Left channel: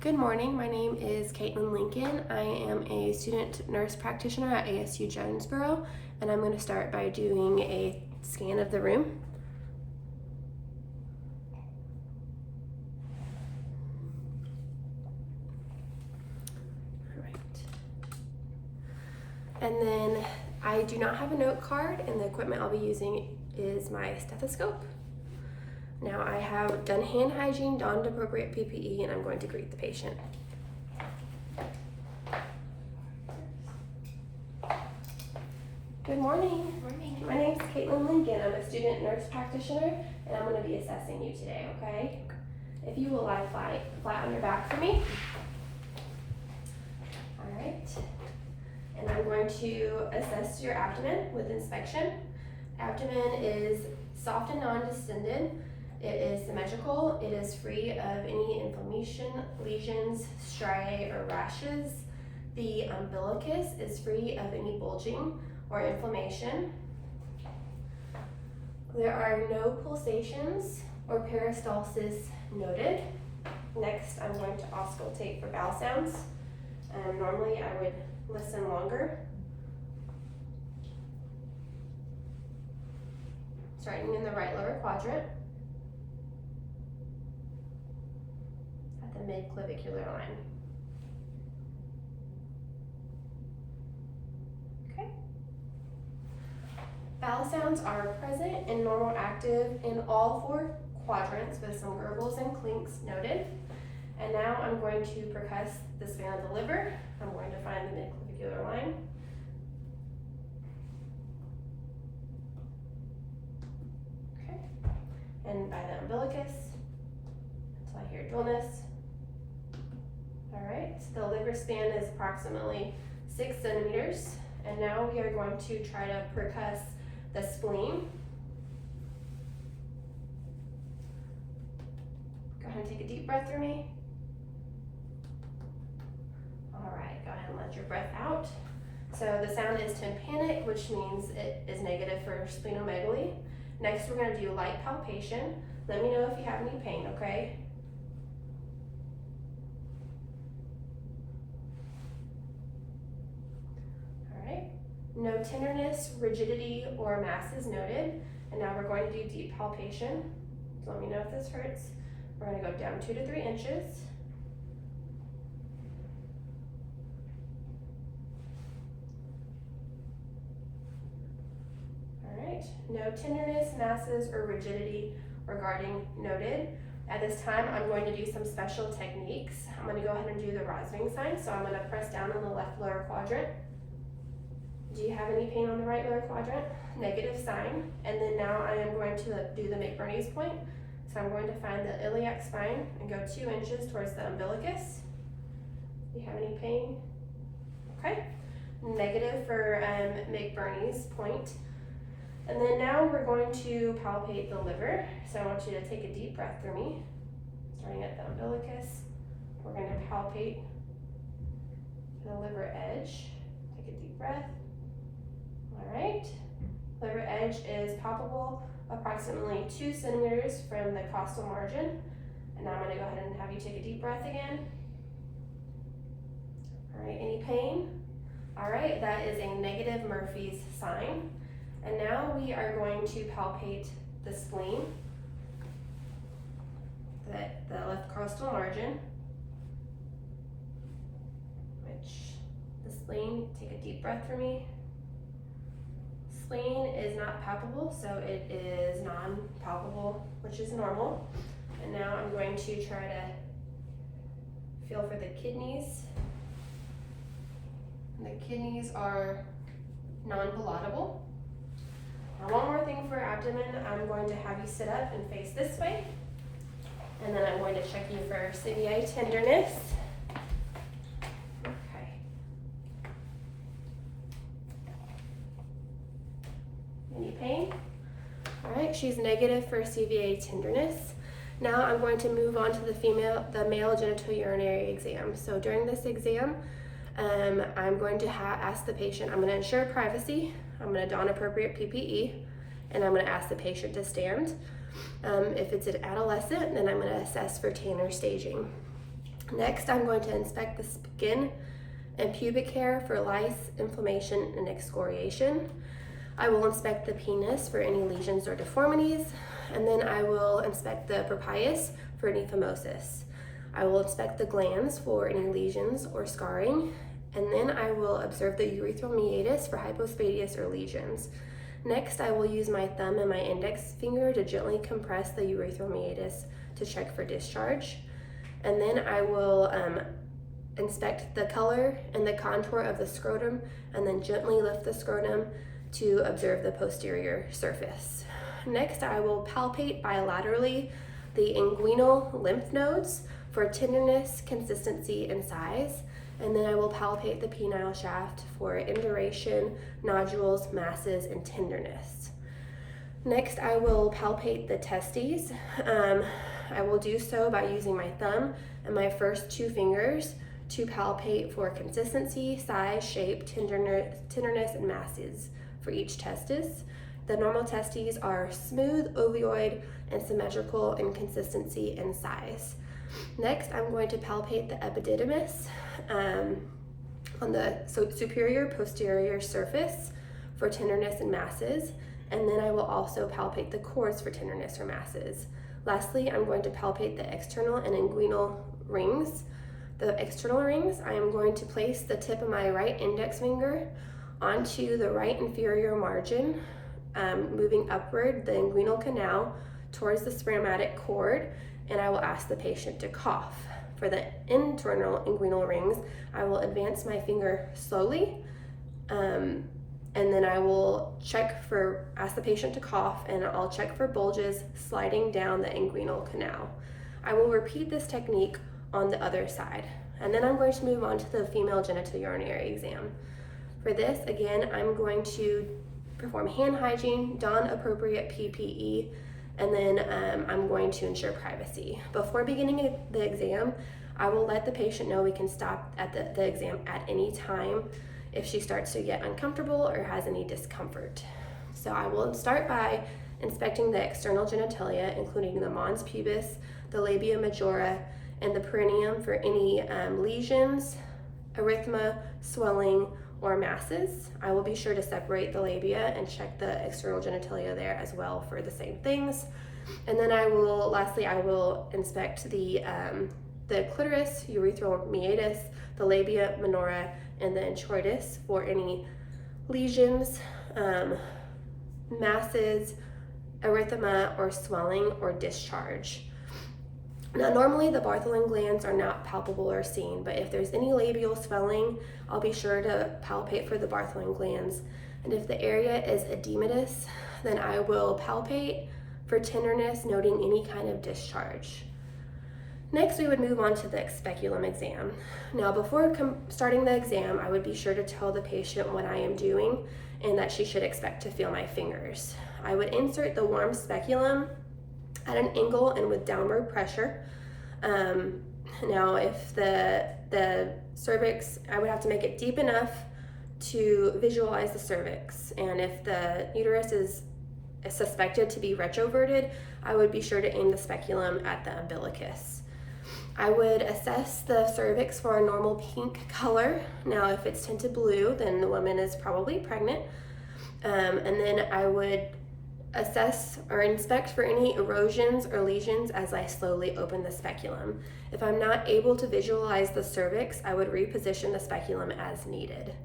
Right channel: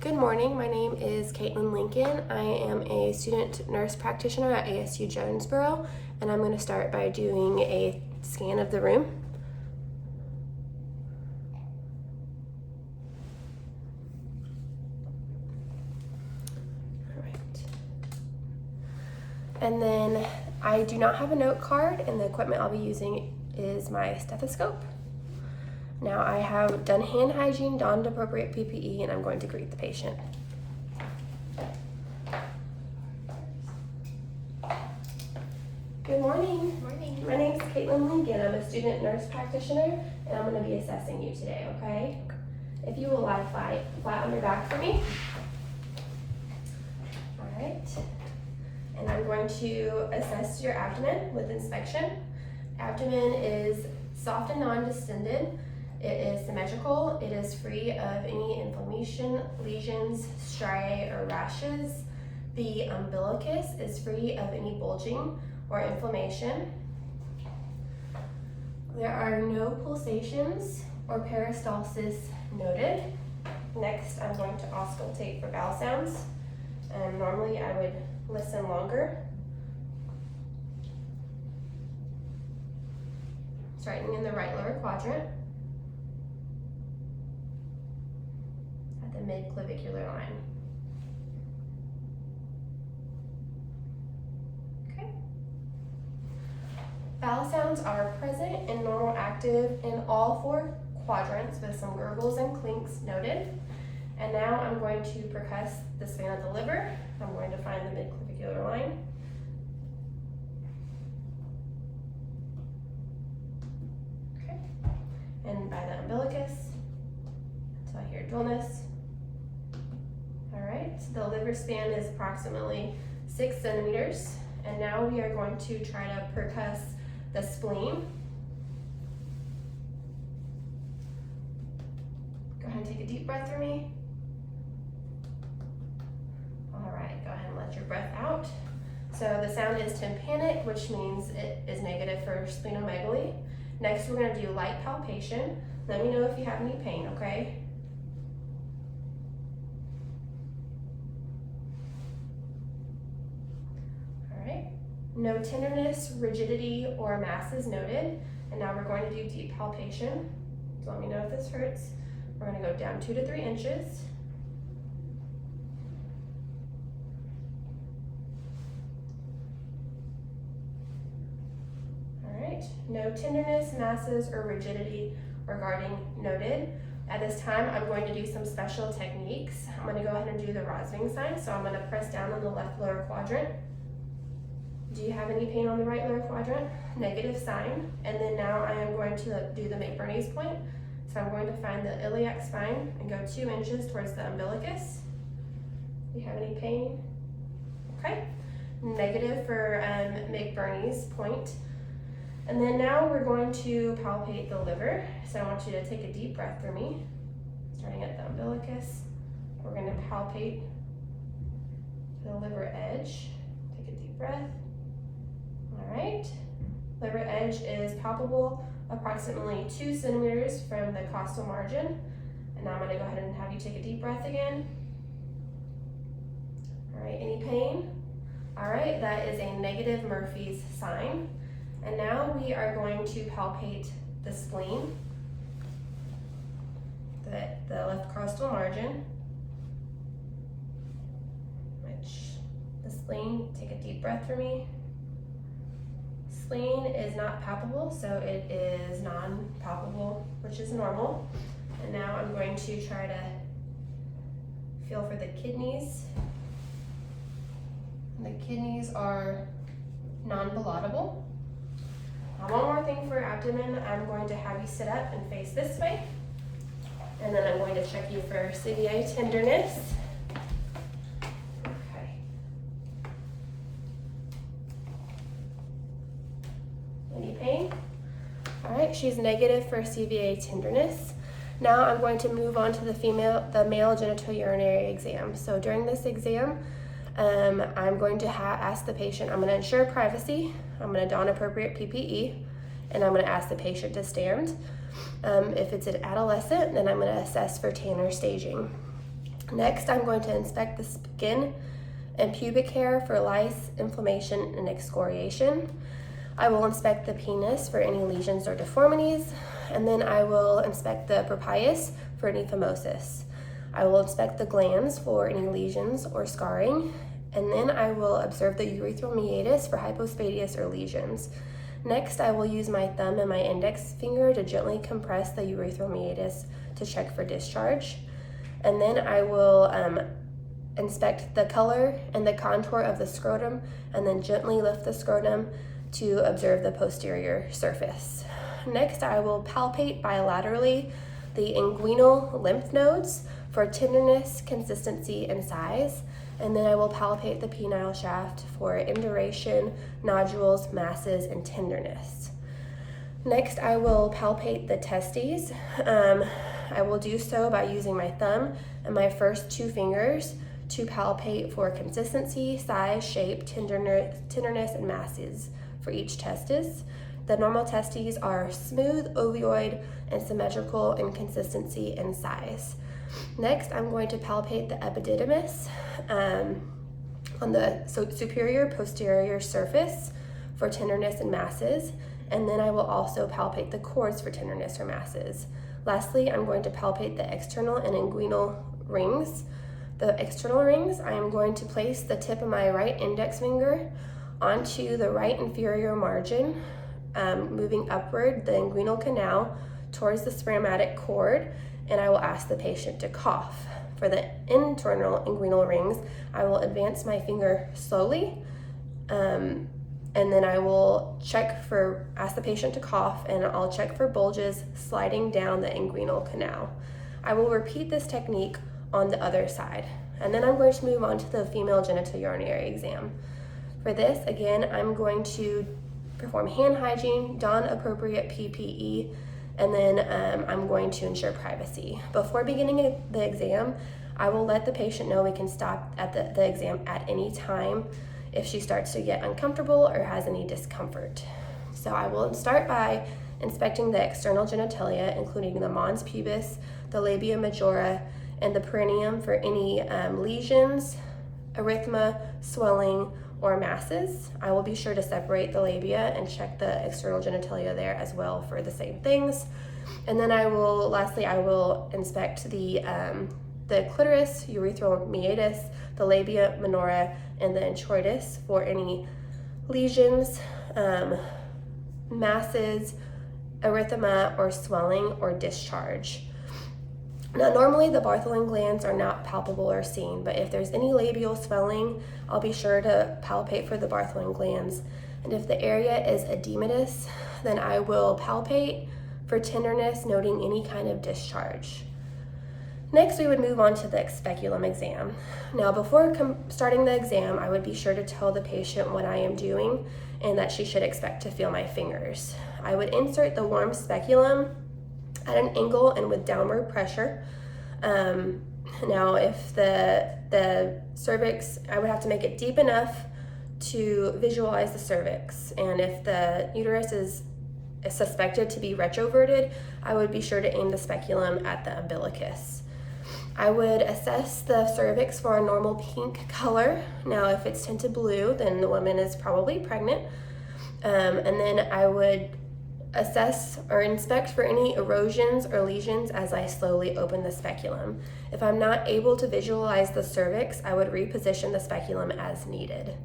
Good morning, my name is Caitlin Lincoln. I am a student nurse practitioner at ASU Jonesboro, and I'm going to start by doing a scan of the room. All right. And then I do not have a note card, and the equipment I'll be using is my stethoscope. Now I have done hand hygiene, donned appropriate PPE, and I'm going to greet the patient. Good morning. Good morning. My name is Caitlin Lincoln. I'm a student nurse practitioner, and I'm going to be assessing you today, okay? If you will lie flat on your back for me. All right. And I'm going to assess your abdomen with inspection. Abdomen is soft and non-distended. It is symmetrical. It is free of any inflammation, lesions, striae, or rashes. The umbilicus is free of any bulging or inflammation. There are no pulsations or peristalsis noted. Next, I'm going to auscultate for bowel sounds. Normally, I would listen longer. Starting in the right lower quadrant at the mid-clavicular line. Okay. Bowel sounds are present and normal active in all four quadrants with some gurgles and clinks noted. And now I'm going to percuss the span of the liver. I'm going to find the mid-clavicular line. Okay. And by the umbilicus. So I hear dullness. All right, the liver span is approximately 6 centimeters. And now we are going to try to percuss the spleen. Go ahead and take a deep breath for me. All right, go ahead and let your breath out. So the sound is tympanic, which means it is negative for splenomegaly. Next, we're going to do light palpation. Let me know if you have any pain, okay? No tenderness, rigidity, or mass is noted. And now we're going to do deep palpation. So let me know if this hurts. We're going to go down 2 to 3 inches. All right, no tenderness, masses, or rigidity regarding noted. At this time, I'm going to do some special techniques. I'm going to go ahead and do the Rosving sign. So I'm going to press down on the left lower quadrant. Do you have any pain on the right lower quadrant? Negative sign. And then now I am going to do the McBurney's point. So I'm going to find the iliac spine and go 2 inches towards the umbilicus. Do you have any pain? Okay. Negative for McBurney's point. And then now we're going to palpate the liver. So I want you to take a deep breath for me. Starting at the umbilicus. We're going to palpate the liver edge. Take a deep breath. All right, liver edge is palpable approximately 2 centimeters from the costal margin. And now I'm going to go ahead and have you take a deep breath again. All right, any pain? All right, that is a negative Murphy's sign. And now we are going to palpate the spleen, the left costal margin, which the spleen, take a deep breath for me. Spleen is not palpable, so it is non-palpable, which is normal. And now I'm going to try to feel for the kidneys. The kidneys are non-palatable. Now one more thing for abdomen, I'm going to have you sit up and face this way. And then I'm going to check you for CVA tenderness. Any pain? All right, she's negative for CVA tenderness. Now I'm going to move on to the male genital urinary exam. So during this exam, I'm going to ask the patient, I'm going to ensure privacy, I'm going to don appropriate PPE, and I'm going to ask the patient to stand. If it's an adolescent, then I'm going to assess for Tanner staging. Next, I'm going to inspect the skin and pubic hair for lice, inflammation, and excoriation. I will inspect the penis for any lesions or deformities, and then I will inspect the prepuce for any phimosis. I will inspect the glands for any lesions or scarring, and then I will observe the urethral meatus for hypospadias or lesions. Next, I will use my thumb and my index finger to gently compress the urethral meatus to check for discharge. And then I will inspect the color and the contour of the scrotum, and then gently lift the scrotum to observe the posterior surface. Next, I will palpate bilaterally the inguinal lymph nodes for tenderness, consistency, and size. And then I will palpate the penile shaft for induration, nodules, masses, and tenderness. Next, I will palpate the testes. I will do so by using my thumb and my first 2 fingers to palpate for consistency, size, shape, tenderness, and masses for each testis. The normal testes are smooth, ovoid, and symmetrical in consistency and size. Next, I'm going to palpate the epididymis on the superior posterior surface for tenderness and masses, and then I will also palpate the cords for tenderness or masses. Lastly, I'm going to palpate the external and inguinal rings. The external rings, I am going to place the tip of my right index finger onto the right inferior margin, moving upward the inguinal canal towards the spermatic cord, and I will ask the patient to cough. For the internal inguinal rings, I will advance my finger slowly, and then I will ask the patient to cough, and I'll check for bulges sliding down the inguinal canal. I will repeat this technique on the other side, and then I'm going to move on to the female genital urinary exam. For this, again, I'm going to perform hand hygiene, don appropriate PPE, and then I'm going to ensure privacy. Before beginning the exam, I will let the patient know we can stop at the exam at any time if she starts to get uncomfortable or has any discomfort. So I will start by inspecting the external genitalia, including the mons pubis, the labia majora, and the perineum for any lesions, erythema, swelling, or masses. I will be sure to separate the labia and check the external genitalia there as well for the same things. And then lastly, I will inspect the clitoris, urethral meatus, the labia minora, and the introitus for any lesions, masses, erythema, or swelling or discharge. Now, normally the Bartholin glands are not palpable or seen, but if there's any labial swelling, I'll be sure to palpate for the Bartholin glands. And if the area is edematous, then I will palpate for tenderness, noting any kind of discharge. Next, we would move on to the speculum exam. Now, before starting the exam, I would be sure to tell the patient what I am doing and that she should expect to feel my fingers. I would insert the warm speculum at an angle and with downward pressure. Now, if the cervix, I would have to make it deep enough to visualize the cervix, and if the uterus is suspected to be retroverted, I would be sure to aim the speculum at the umbilicus. I would assess the cervix for a normal pink color. Now, if it's tinted blue, then the woman is probably pregnant. And then I would assess or inspect for any erosions or lesions as I slowly open the speculum. If I'm not able to visualize the cervix, I would reposition the speculum as needed.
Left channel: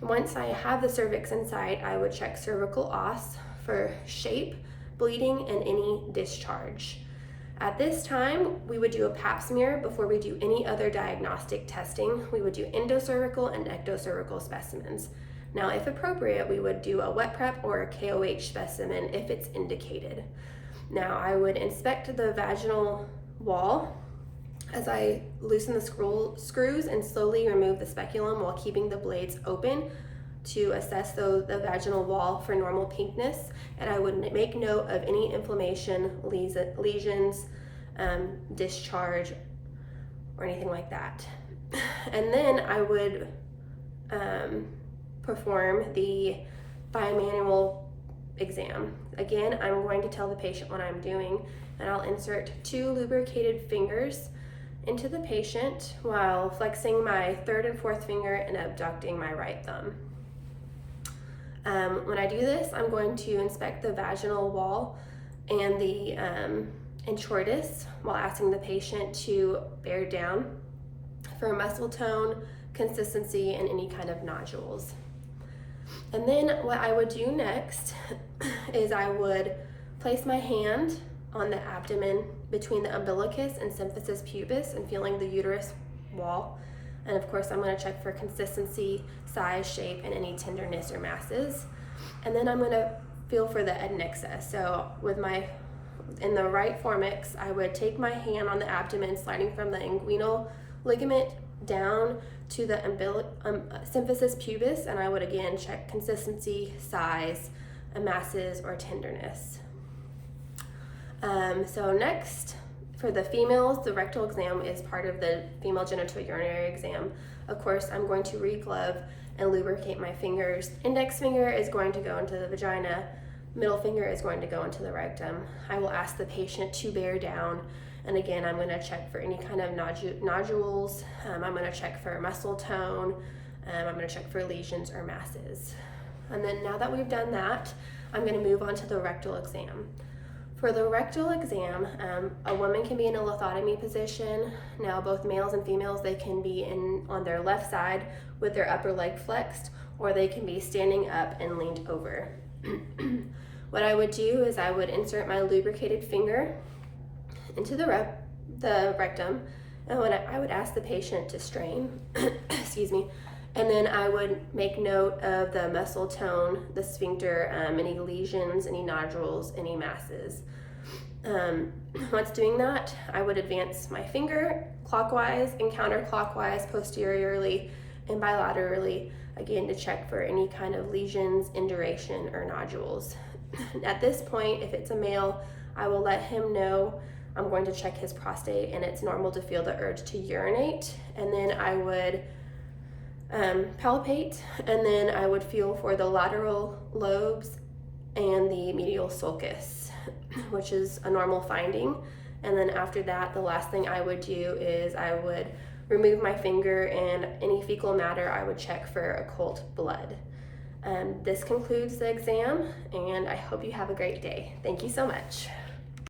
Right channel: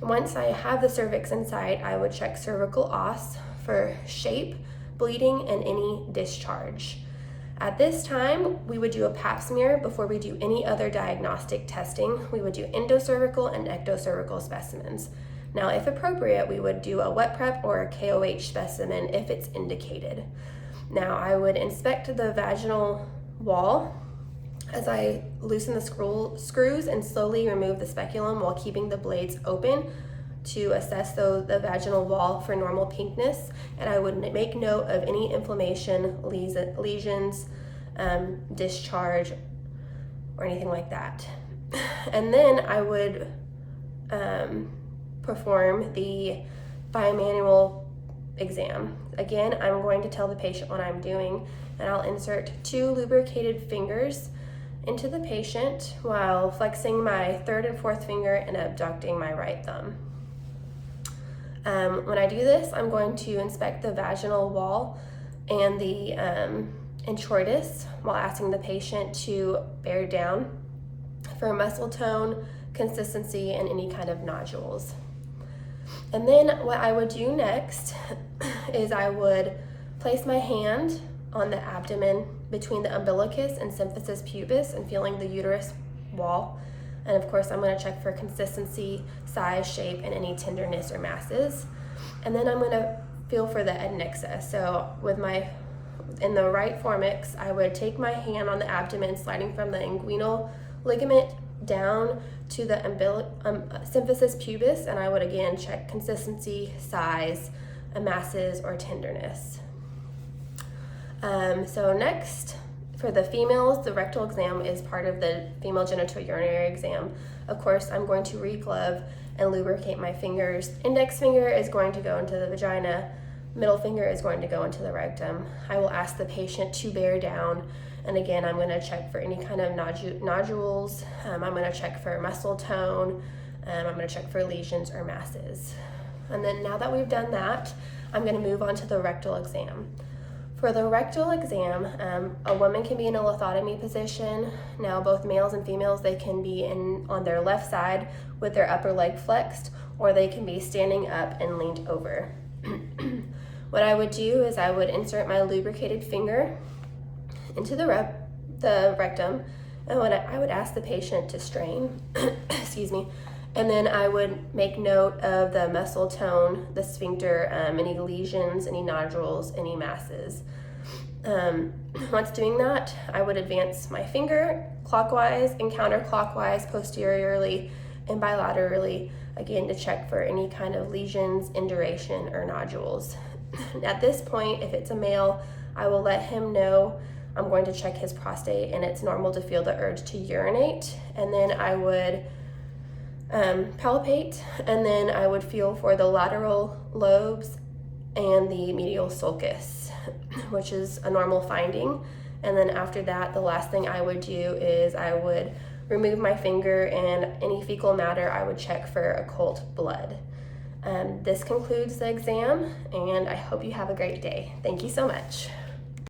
Once I have the cervix in sight, I would check cervical os for shape, bleeding, and any discharge. At this time, we would do a pap smear before we do any other diagnostic testing. We would do endocervical and ectocervical specimens. Now, if appropriate, we would do a wet prep or a KOH specimen if it's indicated. Now, I would inspect the vaginal wall as I loosen the screws and slowly remove the speculum while keeping the blades open to assess the vaginal wall for normal pinkness. And I would make note of any inflammation, lesions, discharge, or anything like that. And then I would perform the bimanual exam. Again, I'm going to tell the patient what I'm doing, and I'll insert 2 lubricated fingers into the patient while flexing my third and fourth finger and abducting my right thumb. When I do this, I'm going to inspect the vaginal wall and the introitus while asking the patient to bear down for muscle tone, consistency, and any kind of nodules. And then what I would do next is I would place my hand on the abdomen between the umbilicus and symphysis pubis and feeling the uterus wall. And of course, I'm going to check for consistency, size, shape, and any tenderness or masses. And then I'm going to feel for the adnexa. So in the right fornix, I would take my hand on the abdomen, sliding from the inguinal ligament down to the symphysis pubis, and I would again check consistency, size, masses, or tenderness. So next, for the females, the rectal exam is part of the female genitourinary exam. Of course, I'm going to re-glove and lubricate my fingers. Index finger is going to go into the vagina. Middle finger is going to go into the rectum. I will ask the patient to bear down, and again, I'm going to check for any kind of nodules. I'm going to check for muscle tone. I'm going to check for lesions or masses. And then now that we've done that, I'm going to move on to the rectal exam. For the rectal exam, a woman can be in a lithotomy position. Now, both males and females, they can be on their left side with their upper leg flexed, or they can be standing up and leaned over. What I would do is I would insert my lubricated finger into the rectum, and I would ask the patient to strain, excuse me, and then I would make note of the muscle tone, the sphincter, any lesions, any nodules, any masses. Once doing that, I would advance my finger clockwise and counterclockwise, posteriorly and bilaterally, again to check for any kind of lesions, induration, or nodules. At this point, if it's a male, I will let him know I'm going to check his prostate, and it's normal to feel the urge to urinate. And then I would palpate, and then I would feel for the lateral lobes and the medial sulcus, which is a normal finding. And then after that, the last thing I would do is I would remove my finger, and any fecal matter I would check for occult blood. This concludes the exam, and I hope you have a great day. Thank you so much.